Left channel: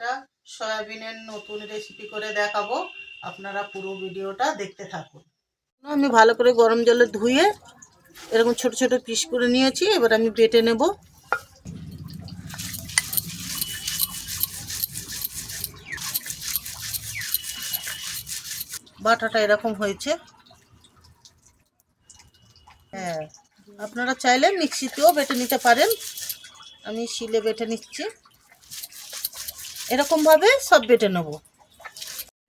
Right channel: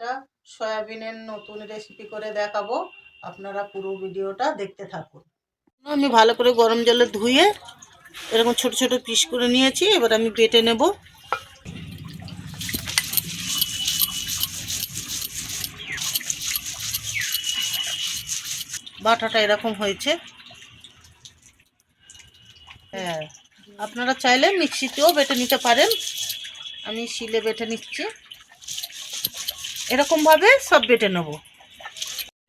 একটা সয়াবিনের নতুন রেসিপি করে দেখাবো। আপনারা পুরো ভিডিওটা দেখতে থাকুন। আমি ভালো করে গরম জলে ধুয়ে এরকম ছোট ছোট পিস করে নিয়েছি, এবার আমি বেটে নেব। বাটাটা এরকম হয়েছে। হ্যাঁ আপনারা চাইলে মিক্সিতেও বেটে নিতে পারেন। আমি শিলে বেটে নিচ্ছি। এরকমভাবে সব বেটে নেব।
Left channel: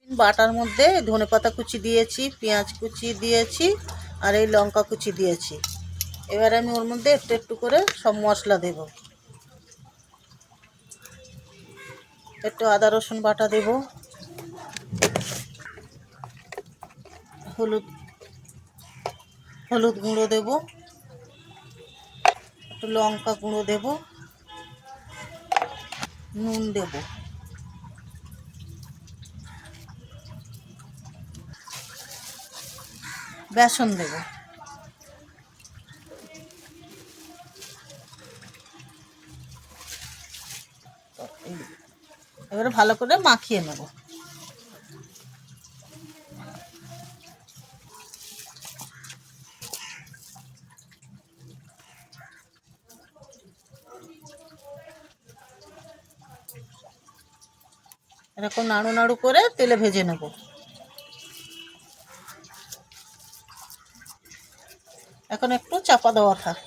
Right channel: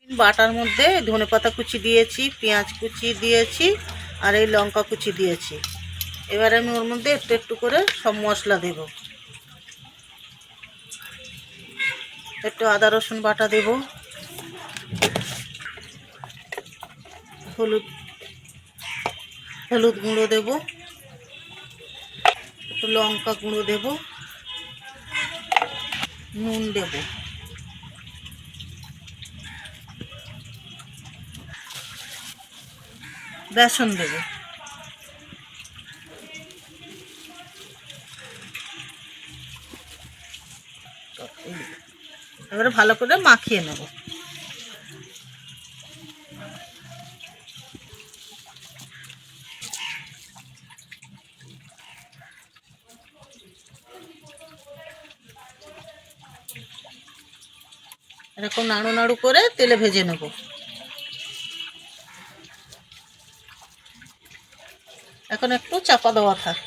বাটার মধ্যে ধনে পাতা কুচি দিয়েছি, পেঁয়াজ কুচি দিয়েছি, আর এই লঙ্কা কুচি দিয়েছি। এবার আমি ওর মধ্যে একটু একটু করে সব মশলা দেব। একটু আদা, রসুন বাটা দেব। হলুদ হলুদ গুঁড়ো দেব। একটু লঙ্কা গুঁড়ো দেব। নুন দেব। বেসন দেব। এবারে ভালো করে মাখিয়ে নেব। এরকম নাড়ু নাড়ু করে তেলে ভেজে নেব। এখন একটু চাপা দেওয়া থাক।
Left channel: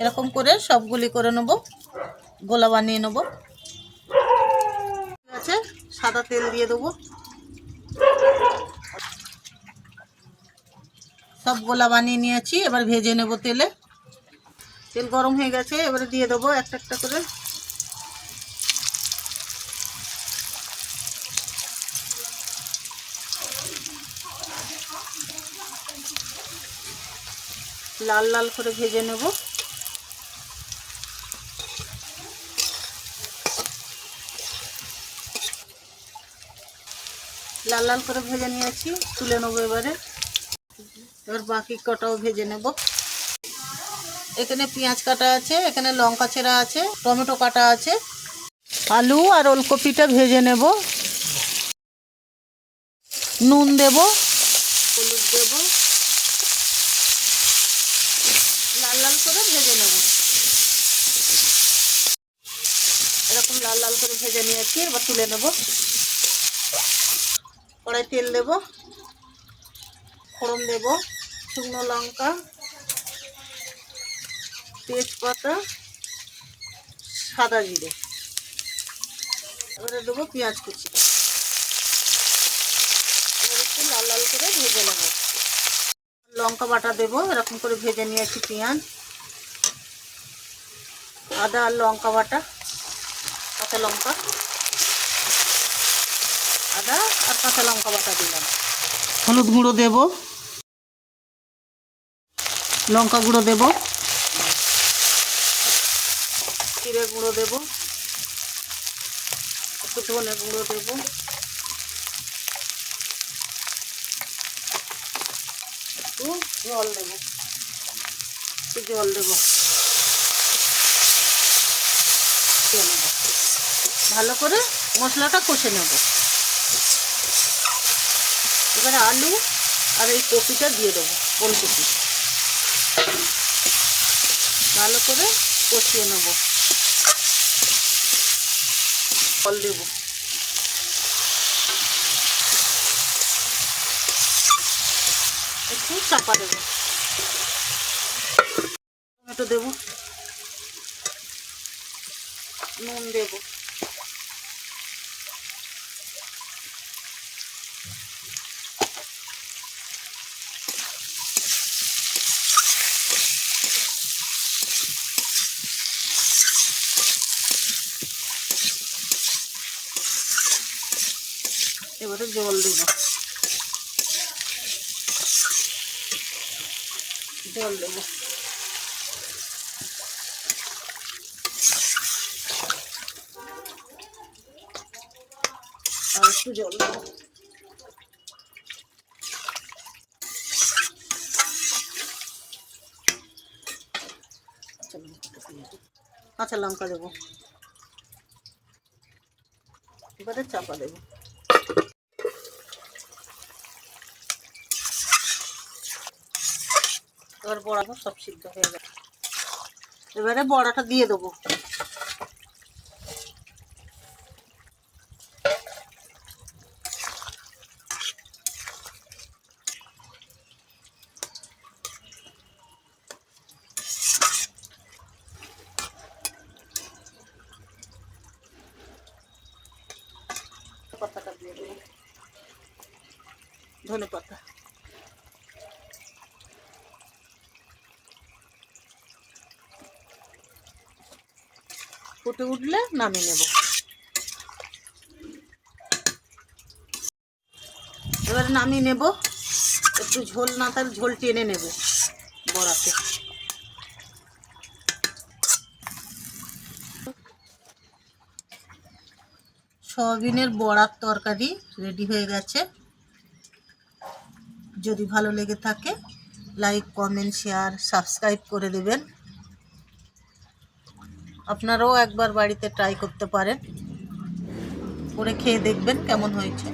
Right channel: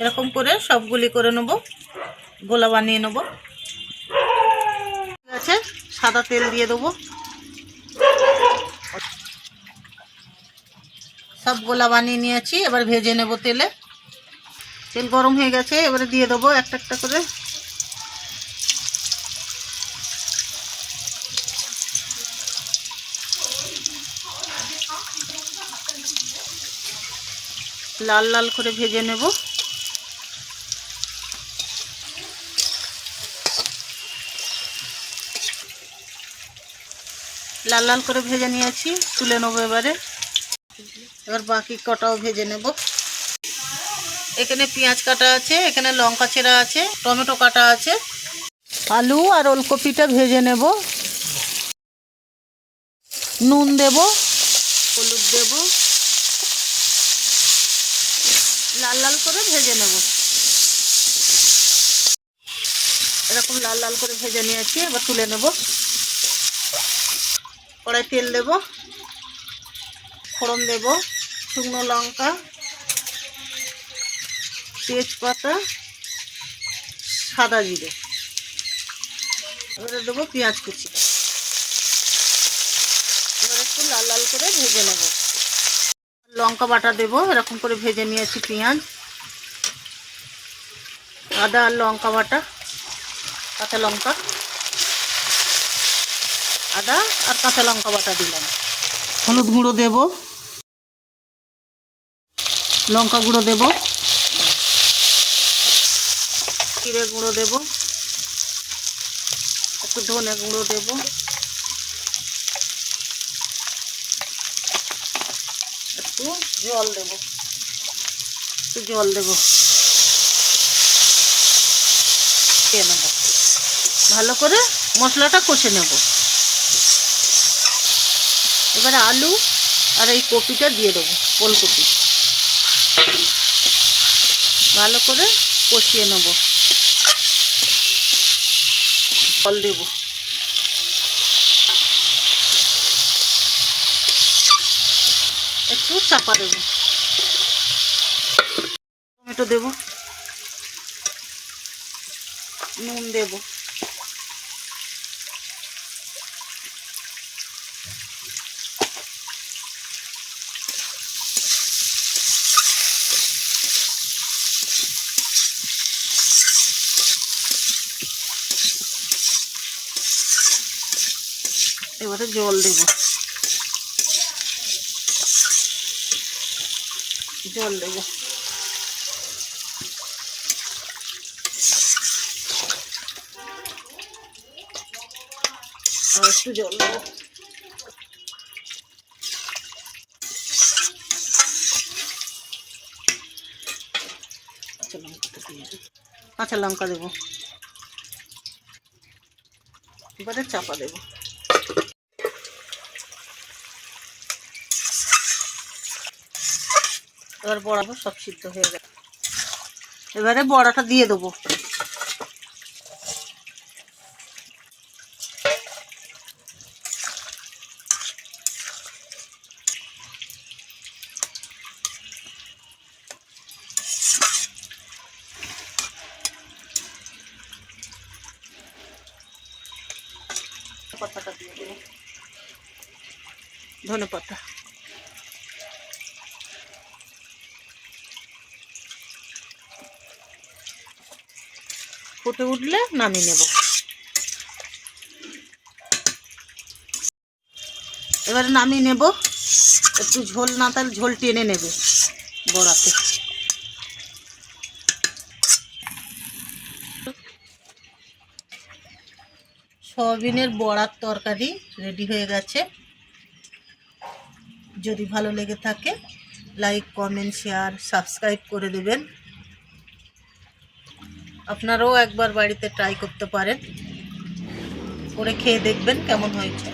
এরকম করে সবগুলি করে নেব, গোলা বানিয়ে নেব। ঠিক আছে, সাদা তেল দিয়ে দেবো। সব গোলা বানিয়ে নিয়েছি, এবার ভেজে নেব তেলে। তেল গরম হয়ে গেছে, এবারে দিয়ে দেবো একটা একটা করে। লাল লাল করে ভেজে নেব। লাল লাল করে ভেজে নিয়েছি, তুলে নেব এবারে। এবার বাকি কটাও ভেজে নেব। এখানে পেঁয়াজ কাটা আছে, এখানে লঙ্কা ছেঁড়া আছে, টমেটো কাটা আছে। আলু আর ওলকপিটা ভেজে নেব। নুন দেব, হলুদ দেব। লাল লাল করে ভেজে নেব। এরকম লাল লাল করে ভেজে নিয়েছি, এবার তুলে নেব। কড়াই তেল দেব, ফোড়ন দেব, শুকনো লঙ্কা, তেজপাতা, সাদা জিরে। এবারে দেবো পেঁয়াজ কুচি। এবার একটু লাল লাল করে ভেজে নেব। লঙ্কা বাটা দেবো, এরকম করে ভেজে নিয়েছি পেঁয়াজ, আদা আর লঙ্কা বাটা, কাঁচা লঙ্কা, আদা আর কাঁচা লঙ্কা বাটা দিলাম। হলুদ গুঁড়ো দেব, লঙ্কা গুঁড়ো দেব, জিরে গুঁড়ো দেব, একটু ধনে গুঁড়ো দেব। একটু জল দেব। একটু জল দেব। ভালো করে মশলাটা কষে নেব। এবারে আলু আর এই কপিটা দিয়ে দেবো, ফুলকপি। ভালো করে কষিয়ে নেব। জল দেব। একটু চাপা দেব। টমেটো দেব। নুন দেব। এবারে জল দেব। জল দেব। একটু জল দেব। কাঁচা লঙ্কা দেবো। এবারে চাপা দেবো। এবার বড়াটা সব সিদ্ধ হয়ে গেছে। এবারে বড়াটা দিয়ে দেবো। পাতাটা দিয়ে দেবো ধনে পাতা। ফুটে উঠলে নামিয়ে নেব। এবারে নামিয়ে নেব। একটু ঝোল না তার ঝোল টেনে নেবে বড়াতে। সয়াবিনের বড়ার তরকারি রেডি হয়ে গেছে। যদি ভালো লেগে থাকে, লাইক, কমেন্ট, শেয়ার, সাবস্ক্রাইব করে দেবেন। আপনারাও একবার বাড়িতে ট্রাই করতে পারেন। করে খেয়ে দেখবেন কেমন হয়েছে।